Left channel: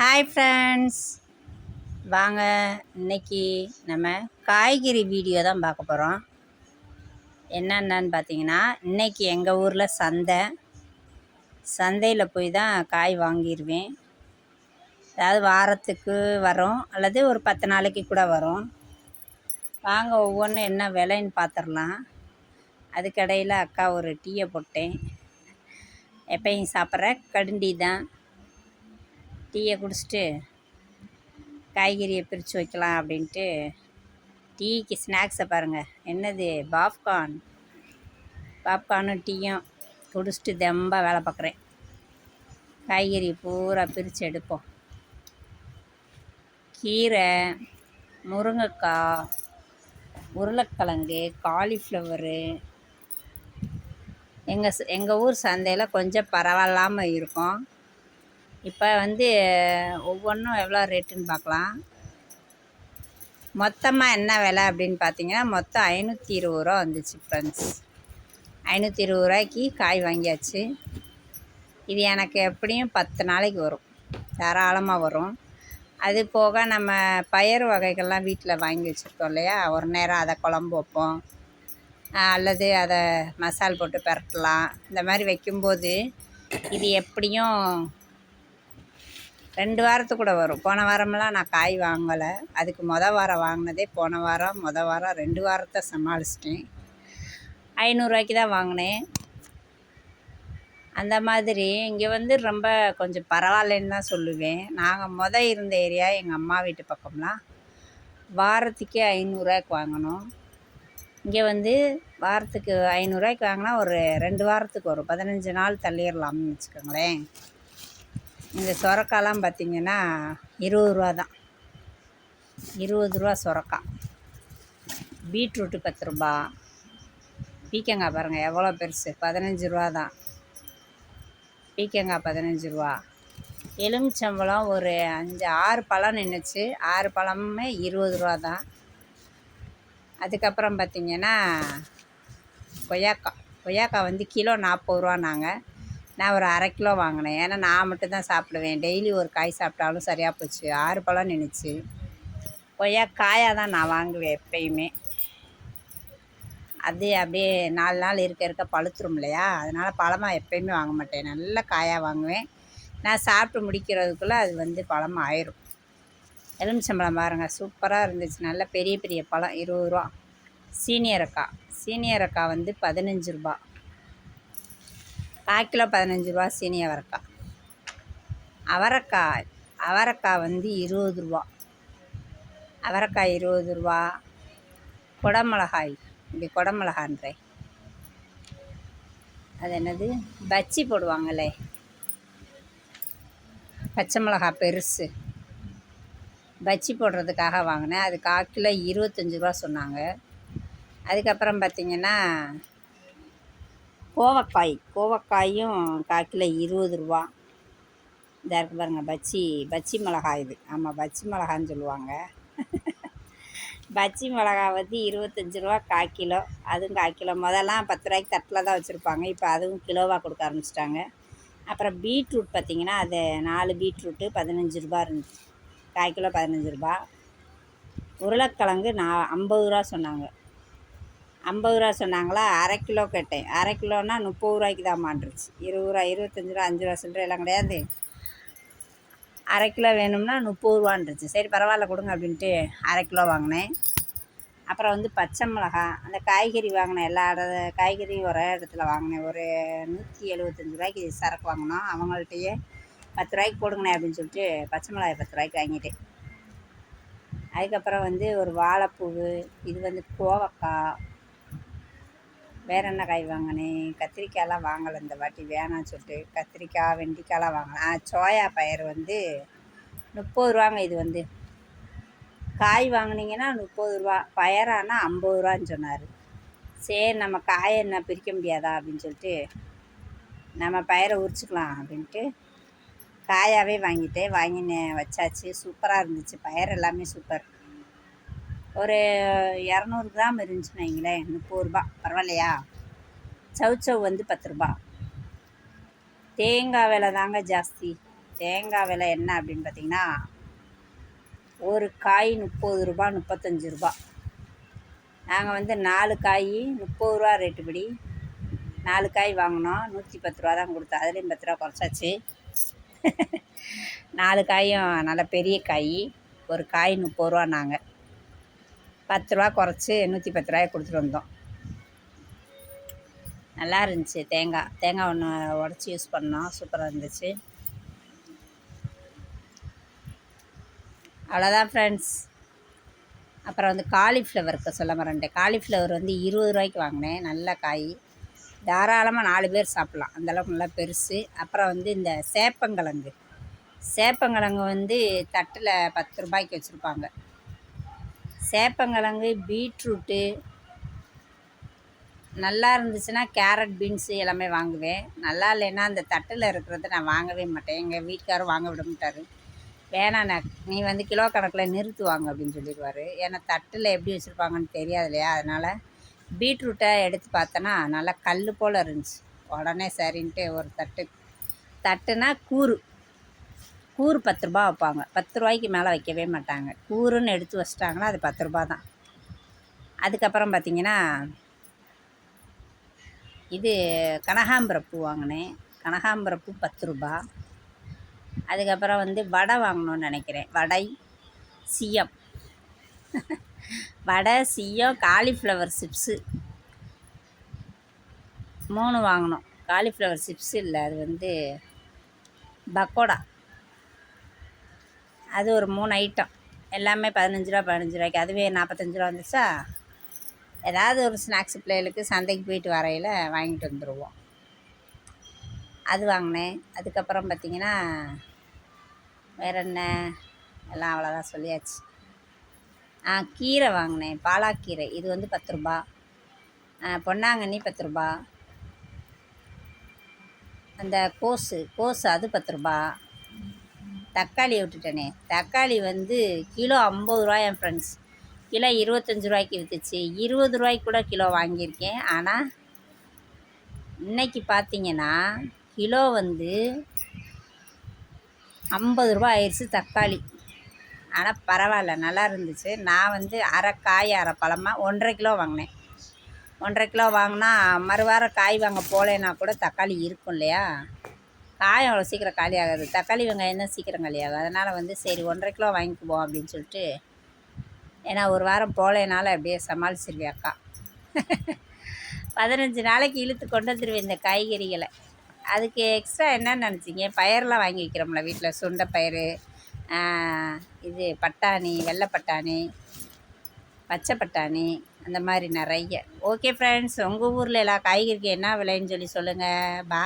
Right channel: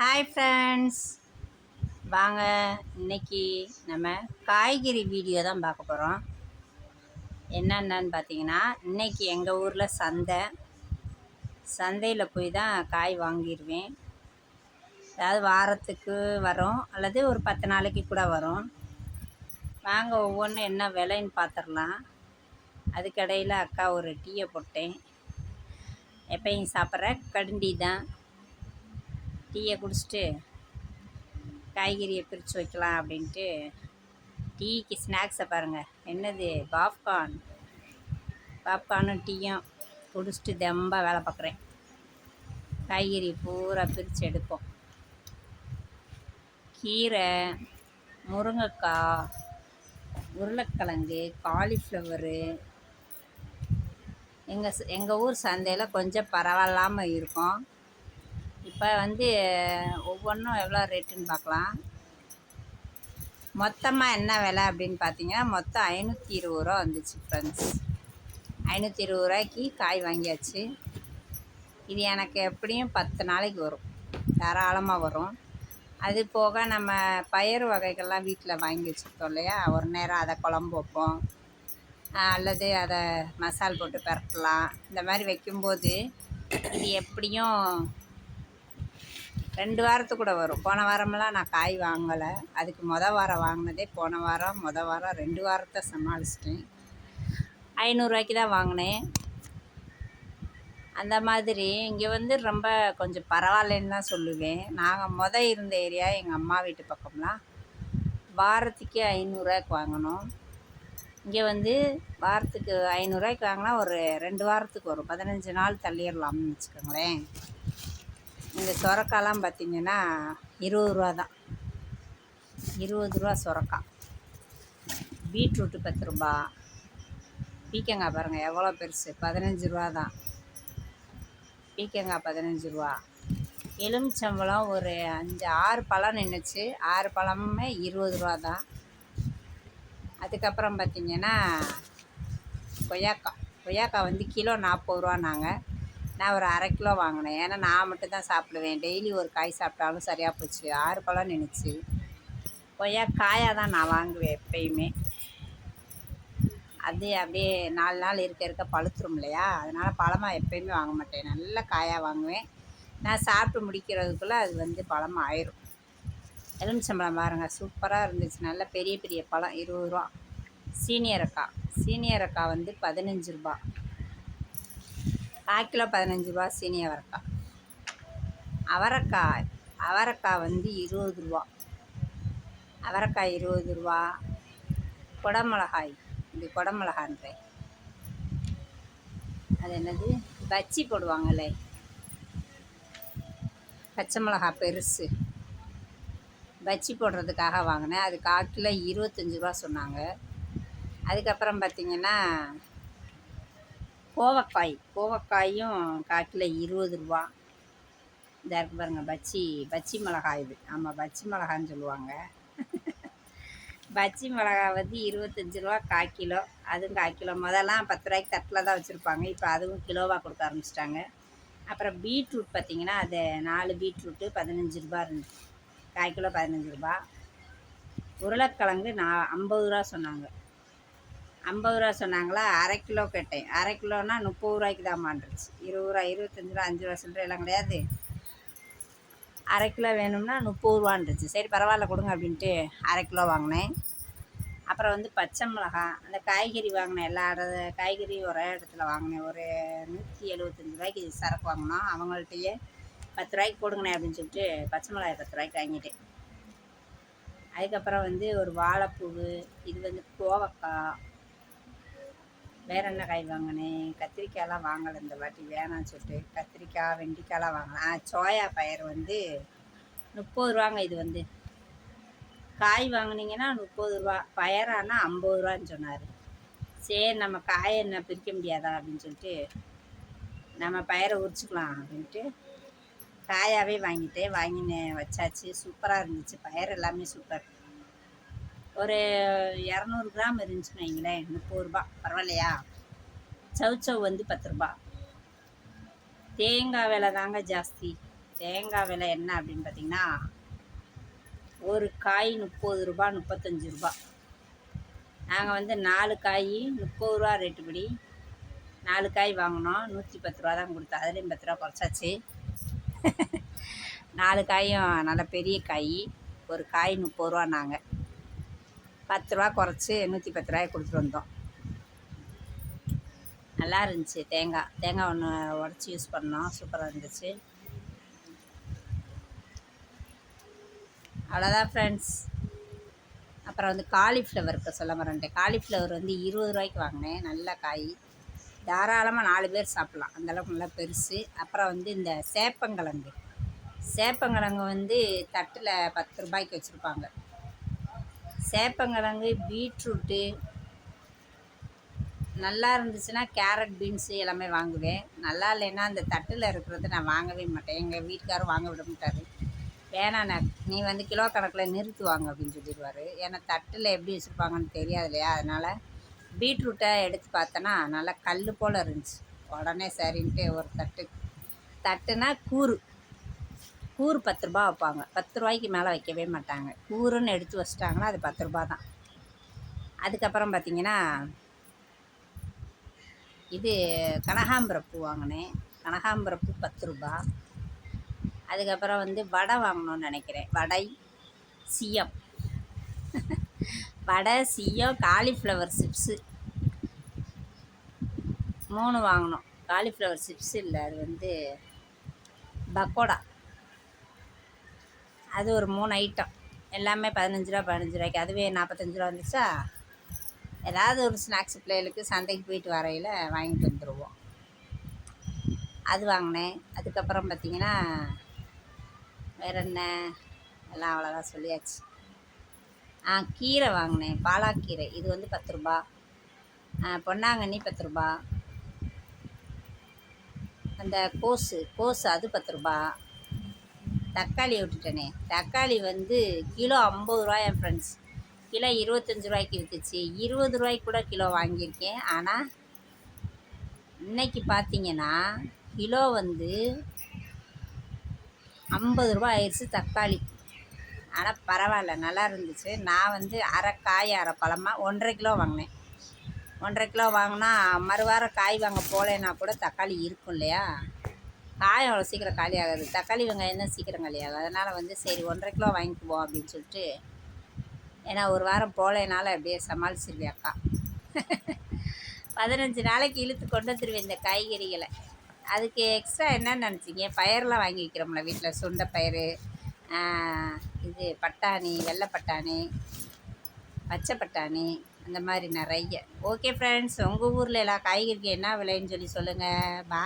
Hi friends வாங்க இன்னைக்கு நம்ம காய்கறி வீடியோ தான் பார்க்க போகிறோம் என்னென்னு பார்த்தீங்கன்னா இன்றைக்கி எங்கள் ஊரில் சந்தை. சந்தையில் போய் தான் காய் வாங்கிடுவேன் அதாவது வாரத்துக்கு வரும் அல்லது ஒரு பத்து நாளைக்கு கூட வரும். வாங்க ஒவ்வொன்றும் என்ன விலைன்னு பார்த்துடலாம் அதுக்கடையில் அக்கா ஒரு டீயை போட்டேன். எப்பயும் சாப்பிட்ற கடுண்டி தான் டீயை குடிச்சிட்டு காய்கறியை பிரித்து வைக்கலாம் அப்படின்ட்டு டீக்கு ஸ்நாக்ஸை பாருங்கள் என்னது? பாப்கார்ன். பாப்கார்னும் டீயும் குடிச்சிட்டு தெம்பாக வேலை பார்க்குறேன். காய்கறி பூரா பிரித்து எடுப்போம். கீரை முருங்கைக்காய் உருளைக்கிழங்கு காலிஃப்ளவரு. எங்கள் எங்கள் ஊர் சந்தையில் கொஞ்சம் பரவாயில்லாமல் இருக்கும். இப்போ வந்து ஒவ்வொன்றும் எவ்வளோ ரேட்டுன்னு பார்க்கலாம். மொத்தமாக என்ன விலை அப்படின்னு பார்த்தீங்கன்னா மொத்தம் ஐநூற்றி இருபது ரூபா வந்துச்சு ஃப்ரெண்ட்ஸ் ஐநூற்றி இருபது ரூபாய்க்கு காய் வாங்கியாச்சு. இது எனக்கு எப்படியும் பத்து நாளைக்கு வரும். தாராளமாக வரும். அது போக நம்ம பயிர் வகைகள்லாம் வீட்டில் வாங்கி வச்சுருக்கோம் இல்லையா? ஒரு நேரம் அதை குழம்பு வைப்போம். அல்லது அதை மசால் போட்டு பரட்டலாம். இந்த மாதிரி வைக்கும்போது இது எப்படியும் ரெண்டு வாரத்துக்கு கூட வரும். போன வாரமெல்லாம் நான் காய் வாங்கலை. அதுக்கு மொதல் வாரம் வாங்கினதே போன வாரம் மொதல் வாரம் ரெண்டு வாரத்தை சமாளிச்சிட்டேன். ஐநூறுரூவாய்க்கு தான் வாங்கினேன். அந்த மாதிரி இங்கே வந்து ரொம்ப கொஞ்சம் பரவாயில்லைன்னு தான் சொல்லுவேன். நாங்கள் மொதல் இருந்த ஏரியா எங்கள் அம்மா வீட்டு பக்கம்லாம். வாரத்துக்கே ஐநூறுரூவாய்க்கு வாங்கினோம். இங்கே வந்து வாரத்துக்கு ஐநூறுரூவாய்க்கு வாங்கினா ஒரு ரெண்டு வாரத்துக்கு வரும் பதினஞ்சு நாள் தள்ளிடலாம்னு வச்சுக்கோங்களேன். இந்த சொரக்காலாம் பார்த்திங்கன்னா இருபது ரூபா தான். இருபது ரூபா சொரக்காய். பீட்ரூட்டு பத்து ரூபா. பீக்கங்காய் பாருங்கள் எவ்வளோ பெருசு? பதினஞ்சு ரூபா தான். பீக்கங்காய் பதினஞ்சு ரூபா. எலுமிச்சம்பழம் ஒரு அஞ்சு ஆறு பழம் நின்றுச்சு ஆறு பழமுமே இருபது ரூபா தான். அதுக்கப்புறம் பார்த்திங்கன்னா கொய்யாக்காய். கொய்யாக்காய் வந்து கிலோ நாற்பது ரூபான்னாங்க நான் ஒரு அரை கிலோ வாங்கினேன். ஏன்னா நான் மட்டும் தான் சாப்பிடுவேன். டெய்லி ஒரு காய் சாப்பிட்டாலும் சரியாக போச்சு. ஆறு பழம் நின்றுச்சு கொய்யா காயாக தான் நான் வாங்குவேன் எப்பயுமே. அது அப்படியே நாலு நாள் இருக்க இருக்க பழுத்துரும் இல்லையா? அதனால் பழமாக எப்பயுமே வாங்க மாட்டேன். நல்ல காயாக வாங்குவேன். நான் சாப்பிட்டு முடிக்கிறதுக்குள்ளே அது வந்து பழமாக ஆயிரும். எலுமிச்சம்பழம் பாருங்கள் சூப்பராக இருந்துச்சு. நல்ல பெரிய பெரிய பழம். இருபது ரூபா. சீனியரக்காய். சீனியரக்காய் வந்து பதினஞ்சு ரூபா. கால் கிலோ பதினஞ்சு ரூபா சீனி அவரைக்காய். அவரைக்காய் அவரைக்காய் வந்து இருபது ரூபா. அவரைக்காய் இருபது ரூபா. குடமிளகாய் இப்படி குடமிளகான்றேன் அது என்னது? பச்சி போடுவாங்களே பச்சை மிளகா பெருசு. பச்சி போடுறதுக்காக வாங்கினேன். அது கால் கிலோ இருபத்தஞ்சி ரூபா சொன்னாங்க. அதுக்கப்புறம் பார்த்திங்கன்னா கோவக்காய் கோவக்காயும் கால் கிலோ இருபது ரூபா. இதாக இருக்குது பாருங்கள் பச்சி பச்சி மிளகா இது. ஆமாம் பச்சி மிளகான்னு சொல்லுவாங்க. பச்சி மிளகா வந்து இருபத்தஞ்சி ரூபா கால் கிலோ. அதுவும் கால் கிலோ. முதல்லாம் பத்து ரூபாய்க்கு தட்டில் தான் வச்சுருப்பாங்க. இப்போ அதுவும் கிலோவாக கொடுக்க ஆரம்பிச்சிட்டாங்க. அப்புறம் பீட்ரூட் பார்த்திங்கன்னா அது நாலு பீட்ரூட்டு பதினஞ்சு ரூபா இருந்துச்சு. கால் கிலோ பதினஞ்சு ரூபா. உருளைக்கிழங்கு நான் ஐம்பது ரூபா சொன்னாங்க. ஐம்பது ரூபா சொன்னாங்களா? அரை கிலோ கேட்டேன். அரை கிலோன்னா முப்பது ரூபாய்க்கு தான் மாண்டுருச்சு இருபது ரூபா இருபத்தஞ்சி ரூபா அஞ்சு ரூபா சில்லற எல்லாம் கிடையாது. அரை கிலோ வேணும்னா முப்பது ரூபான்ருச்சு சரி பரவாயில்ல கொடுங்க அப்படின்ட்டு அரை கிலோ வாங்கினேன். அப்புறம் வந்து பச்சை மிளகா அந்த காய்கறி வாங்கினேன். எல்லா இட காய்கறியும் ஒரே இடத்துல வாங்கினேன். ஒரு நூற்றி எழுபத்தஞ்சி ரூபாய்க்கு சரக்கு வாங்கினோம். அவங்கள்ட்டையே பத்து ரூபாய்க்கு கொடுங்கண்ணே அப்படின்னு சொல்லிட்டு பச்சை மிளகாய் பத்து ரூபாய்க்கு வாங்கிட்டேன். அதுக்கப்புறம் வந்து ஒரு வாழைப்பூவு இது வந்து கோவக்காய் வேறு என்ன காய் வாங்கினேன் கத்திரிக்காயெலாம் வாங்கலை இந்த வாட்டி வேணாம்னு சொல்லிட்டு. கத்திரிக்காய் வெண்டிக்காயெலாம் வாங்கலாம் சோயா பயிர் வந்து முப்பது ரூபாங்க இது வந்து. காய் வாங்கினீங்கன்னா முப்பது ரூபா பயரானா ஐம்பது ரூபான்னு சொன்னார். சரி நம்ம காயை என்ன பிரிக்க முடியாதா அப்படின்னு சொல்லிட்டு நம்ம பயிரை உரிச்சுக்கலாம் அப்படின்ட்டு காயாகவே வாங்கிட்டேன். வாங்கினேன் வச்சாச்சு. சூப்பராக இருந்துச்சு. பயிர் எல்லாமே சூப்பர். ஒரு இரநூறு கிராம் இருந்துச்சுன்னு வைங்களேன் முப்பது ரூபா. பரவாயில்லையா? சவுச்சவ் வந்து பத்து ரூபா. தேங்காய் விலை தாங்க ஜாஸ்தி. தேங்காய் விலை என்ன அப்படின்னு பார்த்தீங்கன்னா ஒரு காய் முப்பது ரூபா முப்பத்தஞ்சு ரூபா. நாங்கள் வந்து நாலு காய் முப்பது ரூபா ரேட்டுப்படி நாலு காய் வாங்கினோம். நூற்றி பத்து ரூபா தான் கொடுத்தோம். அதுலேயும் பத்து ரூபா குறைச்சாச்சு. நாலு காயும் நல்ல பெரிய காய். ஒரு காய் முப்பது ரூபா நாங்கள் பத்து ரூபா குறைச்சி நூற்றி பத்து ரூபாய் கொடுத்துட்டு வந்தோம். நல்லா இருந்துச்சு தேங்காய். தேங்காய் ஒன்று உடச்சி யூஸ் பண்ணோம். சூப்பராக இருந்துச்சு. அவ்வளோதான் ஃப்ரெண்ட்ஸ் அப்புறம் வந்து காலிஃப்ளவருக்கு சொல்ல மறந்துட்டேன். காலிஃப்ளவர் வந்து இருபது ரூபாய்க்கு வாங்கினேன். நல்ல காய். தாராளமாக நாலு பேர் சாப்பிட்லாம். அந்தளவுக்கு நல்லா பெருசு. அப்புறம் வந்து இந்த சேப்பங்கிழங்கு. சேப்பங்கிழங்கு வந்து தட்டில் பத்து ரூபாய்க்கு வச்சுருப்பாங்க. சேப்பங்கிழங்கு பீட்ரூட்டு நல்லா இருந்துச்சுன்னா கேரட் பீன்ஸு எல்லாமே வாங்குவேன். நல்லா இல்லைன்னா அந்த தட்டில் இருக்கிறத நான் வாங்கவே மாட்டேன். எங்கள் வீட்டுக்காரும் வாங்க விட மாட்டார். வேணாண்ணா நீ வந்து கிலோ கணக்கில் நிறுத்துவாங்க அப்படின்னு சொல்லிடுவார். ஏன்னா தட்டில் எப்படி வச்சுருப்பாங்கன்னு தெரியாது இல்லையா? அதனால் பீட்ரூட்டை எடுத்து பார்த்தோன்னா நல்லா கல் போல் இருந்துச்சு. உடனே சரின்ட்டு ஒரு தட்டு. தட்டுனா கூறு. கூறு பத்து ரூபா வைப்பாங்க. பத்து ரூபாய்க்கு மேலே வைக்கவே மாட்டாங்க. கூறுன்னு எடுத்து வச்சிட்டாங்கன்னா அது பத்து ரூபா தான். அதுக்கப்புறம் பார்த்திங்கன்னா இது கனகாம்பர பூ வாங்கினேன். கனகாம்பர பூ பத்து ரூபா. அதுக்கப்புறம் வந்து வடை வாங்கணும்னு நினைக்கிறேன். வடை சியம். வடை சியம் காலிஃப்ளவர் சிப்ஸு. மூணு வாங்கினோம் காலிஃப்ளவர் சிப்ஸ் இல்லை அது வந்து பக்கோடா. அது ஒரு மூணு ஐட்டம் எல்லாமே பதினஞ்சு ரூபா பதினஞ்சு ரூபாய்க்கு. அதுவே நாற்பத்தஞ்சு ரூபா வந்துச்சா ஏதாவது ஒரு ஸ்நாக்ஸ் பிள்ளைகளுக்கு சந்தைக்கு போயிட்டு வரையில் வாங்கிட்டு வந்துடுவோம் அது வாங்கினேன். அதுக்கப்புறம் பார்த்திங்கன்னா வேறு என்ன? எல்லாம் அவ்வளோதான் சொல்லியாச்சு. ஆ கீரை வாங்கினேன். பாலாக்கீரை. இது வந்து பத்து ரூபா. பொன்னாங்கண்ணி பத்து ரூபா. அந்த கோஸு கோஸு அது பத்து ரூபா. தக்காளியை விட்டுட்டேனே. தக்காளி வந்து கிலோ ஐம்பது ரூபாய் என் ஃப்ரெண்ட்ஸ் கிலோ இருபத்தஞ்சி ரூபாய்க்கு விற்றுச்சு இருபது ரூபாய்க்கு கூட கிலோ வாங்கியிருக்கேன். ஆனால் இன்றைக்கி பார்த்தீங்கன்னா கிலோ வந்து ஐம்பது ரூபா ஆயிடுச்சு தக்காளி. ஆனால் பரவாயில்ல நல்லா இருந்துச்சு. நான் வந்து அரை காய் அரை பழமாக ஒன்றரை கிலோ வாங்கினேன். ஒன்றரை கிலோ வாங்கினா மறுவாரம் காய் வாங்க போகலைன்னா கூட தக்காளி இருக்கும் இல்லையா? காயம் அவ்வளோ சீக்கிரம் காலி ஆகாது. தக்காளி வெங்காயம் தான் சீக்கிரம் காலி ஆகும். அதனால் வந்து சரி ஒன்றரை கிலோ வாங்கிக்குவோம் அப்படின்னு சொல்லிட்டு ஏன்னா ஒரு வாரம் போகலனால அப்படியே சமாளிச்சிருவேன் அக்கா. பதினஞ்சு நாளைக்கு இழுத்து கொண்டு வந்துடுவேன் இந்த காய்கறிகளை. அதுக்கு எக்ஸ்ட்ரா என்னன்னு நினச்சிங்க? பயிரெலாம் வாங்கி வைக்கிறோம்ல வீட்டில் சுண்டை பயிர் இது பட்டாணி வெள்ளை பட்டாணி பச்சை பட்டாணி அந்த மாதிரி நிறைய. ஓகே ஃப்ரெண்ட்ஸ் உங்கள் ஊரில் எல்லா காய்கறிக்கு என்ன விலைன்னு சொல்லி சொல்லுங்கள் பா